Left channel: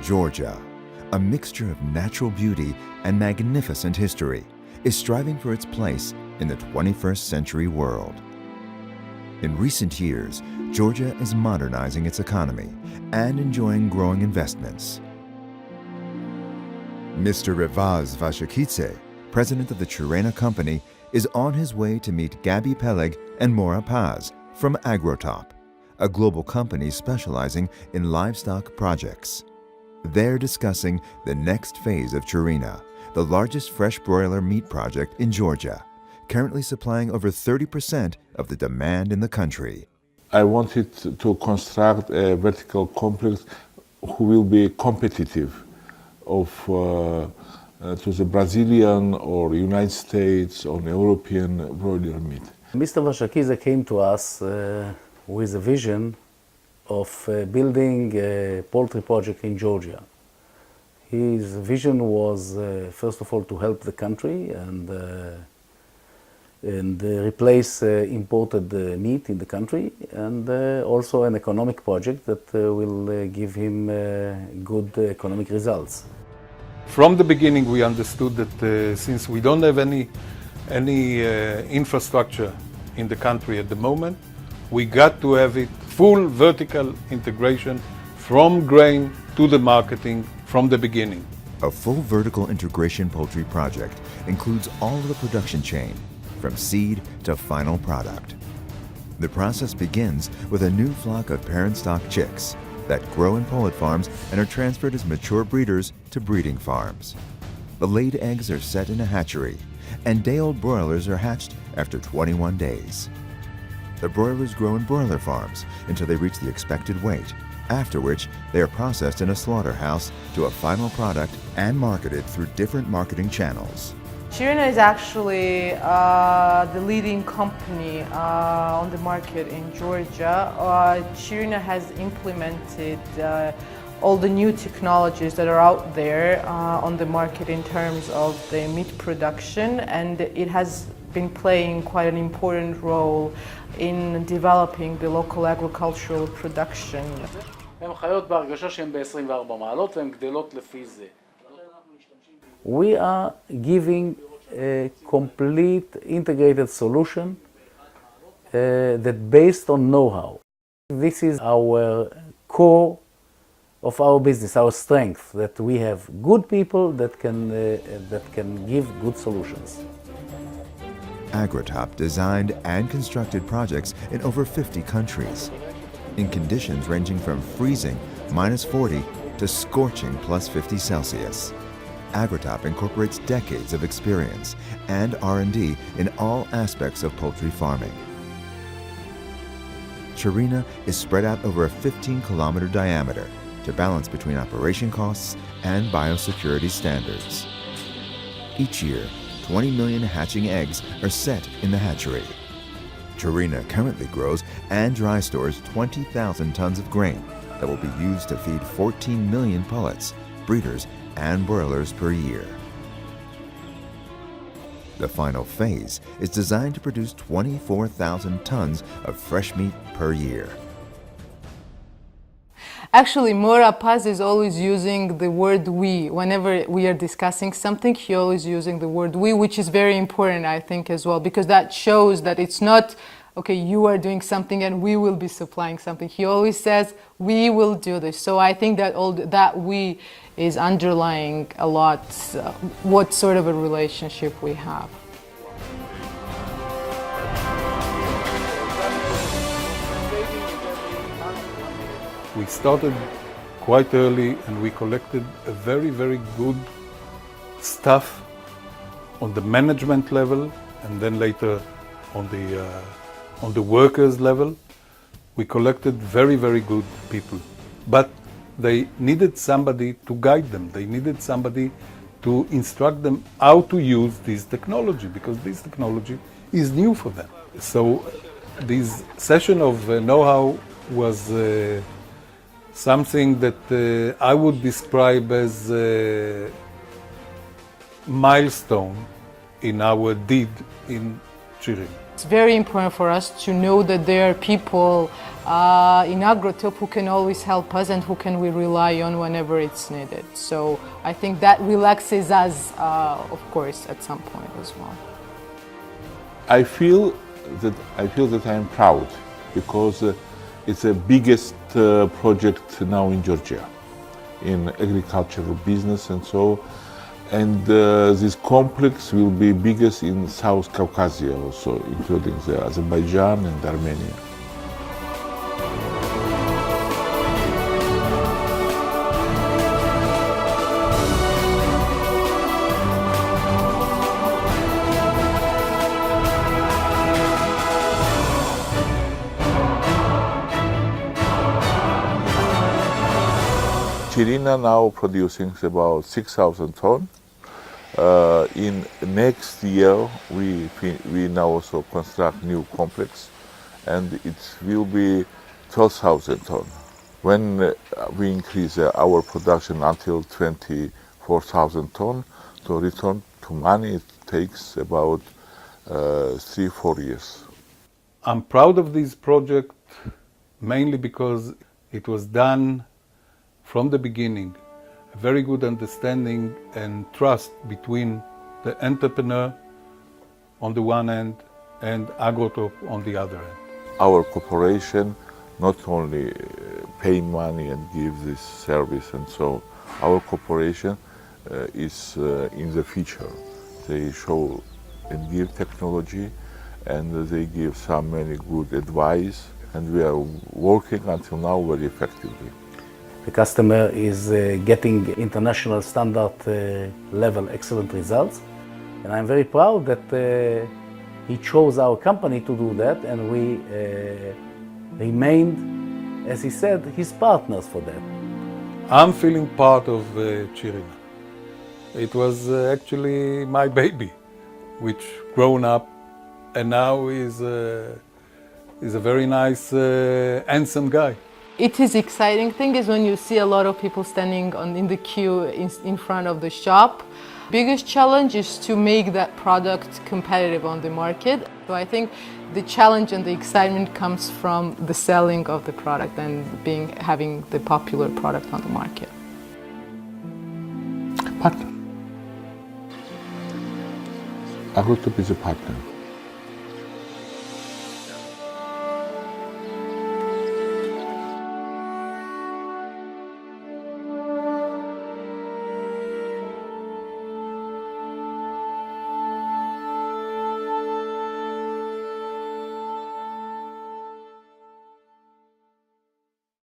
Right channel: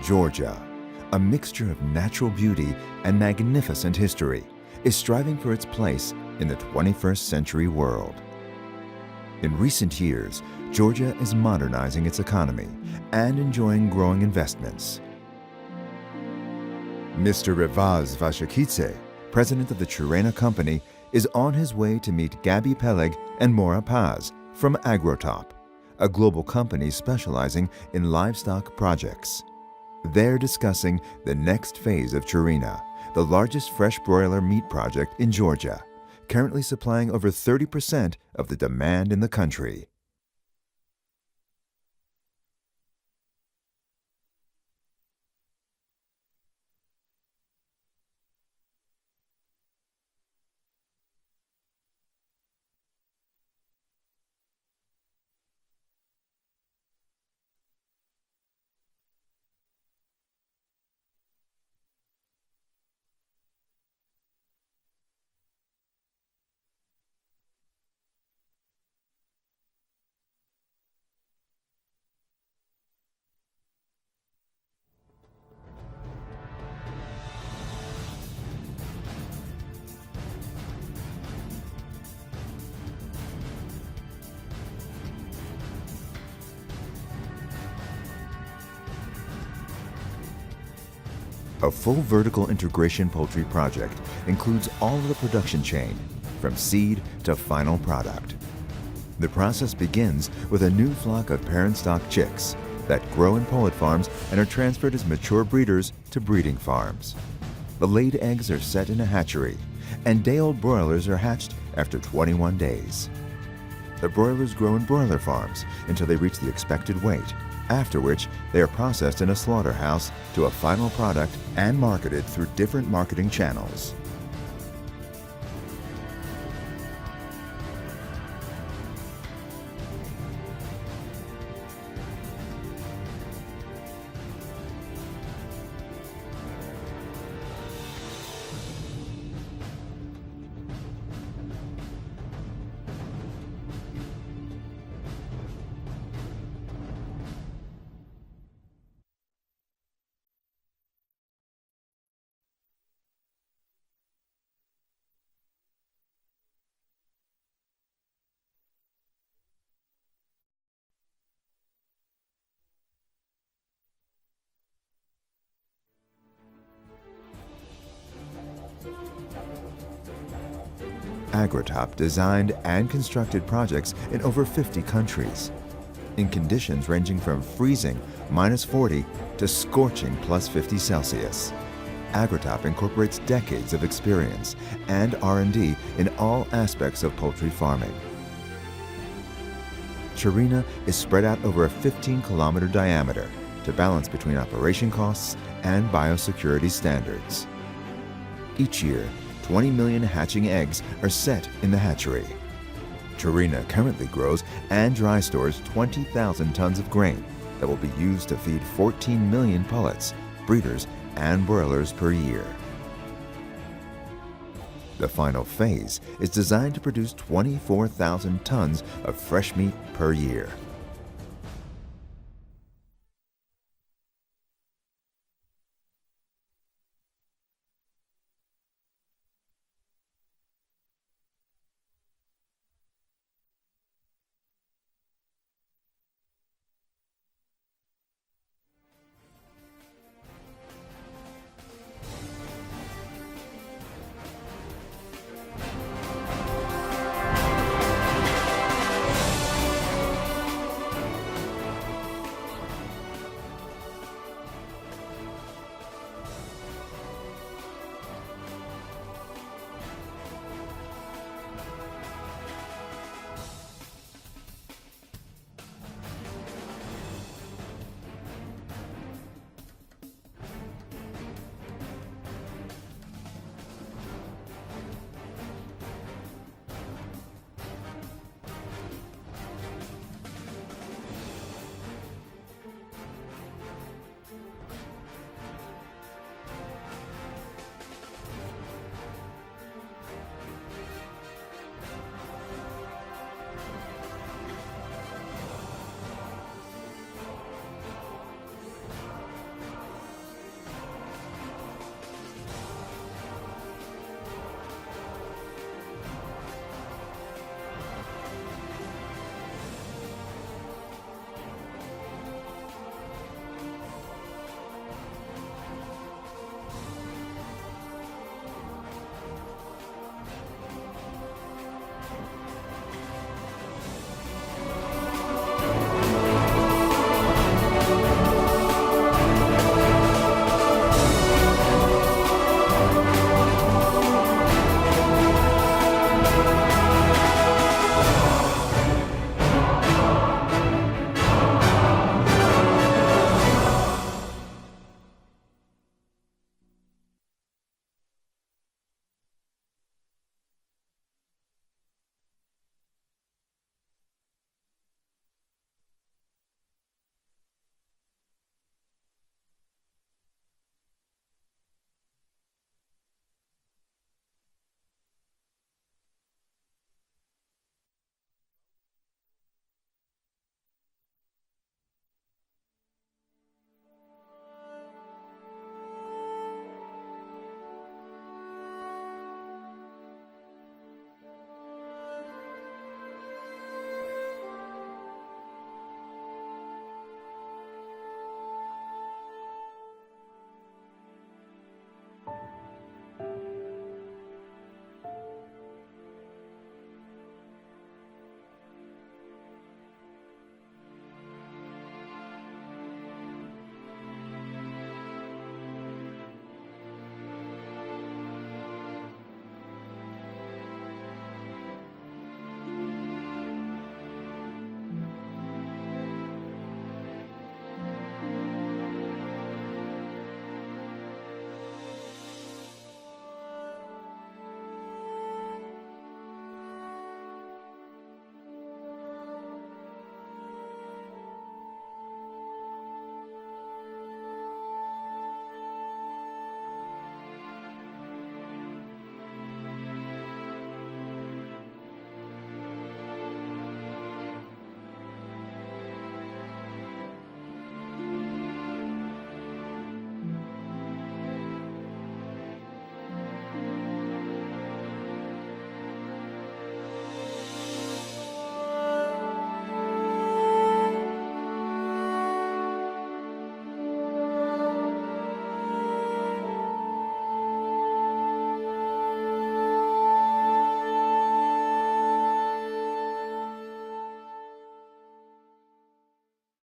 Georgia, a mixture of natural beauty and magnificent history, is striving for its place in the 21st century world. In recent years, Georgia is modernizing its economy and enjoying growing investments. Mr. Revaz Vashakidze, president of the Chirina company, is on his way to meet Gabi Peleg and Mora Paz from Agrotop, a global company specializing in livestock projects. They're discussing the next phase of Chirina, the largest fresh broiler meat project in Georgia, currently supplying over 30% of the demand in the country. I wanted to construct a vertical complex who will be competitive to the Brazilian or United States or European broiler meat. Mr. Vashakidze came to us with a vision of building a poultry project in Georgia. His vision was, first of all, to help the country and replace imported meat in the country, and also an economic project that will give him good economic results. From the beginning, we understood that since we don't have any infrastructure in the country at the moment, we got to have it full vertical integration from grain to the marketing from the beginning. A full vertical integration poultry project includes all of the production chain, from seed to final product. The process begins with a new flock of parent stock chicks that grow in pullet farms and are transferred as mature breeders to breeding farms. The laid eggs are set in a hatchery, and day-old broilers are hatched after 21 days. The broilers grow in broiler farms until they reach the expected weight, after which they are processed in a slaughterhouse to a final product and marketed through different marketing channels. Chirina is actually the leading company on the market in Georgia. Chirina has implemented all the new technologies that are out there on the market in terms of the meat production, and it has been playing quite an important role in developing the local agricultural production. We are giving a complete integrated solution that based on know-how. This is our core of our business, our strength, that we have good people that can give good solutions. Agrotop designed and constructed projects in over 50 countries, in conditions ranging from freezing -40 to scorching +50 Celsius. Agrotop incorporates decades of experience and R&D in all aspects of poultry farming. Chirina is spread out over a 15-kilometer diameter to balance between operation costs and biosecurity standards. Each year, 20 million hatching eggs are set in the hatchery. Chirina currently grows and dry stores 20,000 tons of grain that will be used to feed 14 million pullets, breeders, and broilers per year. The final phase is designed to produce 24,000 tons of fresh meat per year. Actually, Mora Paz is always using the word we. Whenever we are discussing something, he always using the word we, which is very important, I think, as well, because that shows that it's not, okay, you are doing something and we will be supplying something. He always says, we will do this. So I think that all that we is underlying a lot what sort of a relationship we have. We started quite early and we collected a very, very good staff on the management level and then later on the workers level. We collected very, very good people. But they needed somebody to guide them. They needed somebody to instruct them how to use this technology, because this technology is new for them. So this session of know-how was something that I would describe as a milestone in our deed in Chirina. It's very important for us to know that there are people in Agrotop who can always help us and who can we rely on whenever it's needed. So I think that relaxes us, of course, at some point as well. I feel that I am proud because it's the biggest project now in Georgia, in agricultural business and so. And this complex will be biggest in South Caucasia also, including the Azerbaijan and Armenia. Chirina now producing about 6,000 tons. In next year, we now also construct new complex, and it will be 12,000 tons. When we increase our production until 24,000 tons, to return to money, it takes about 3-4 years. I'm proud of this project mainly because it was done from the beginning, a very good understanding and trust between the entrepreneur on the one end and Agrotop on the other end. Our corporation not only pay money and give this service and so, our corporation is in the future. They show and give technology, and they give some many good advice, and we are working until now very effectively. The customer is getting international standard level excellent results, and I'm very proud that he chose our company to do that, and we remained, as he said, his partners for that. I'm feeling part of Chirina. It was actually my baby, which grown up and now is a very nice, handsome guy. It is exciting thing is when you see a lot of people standing in the queue in front of the shop. Biggest challenge is to make that product competitive on the market. So I think the challenge and the excitement comes from the selling of the product and having the popular product on the market. Partner. Agrotop is a partner.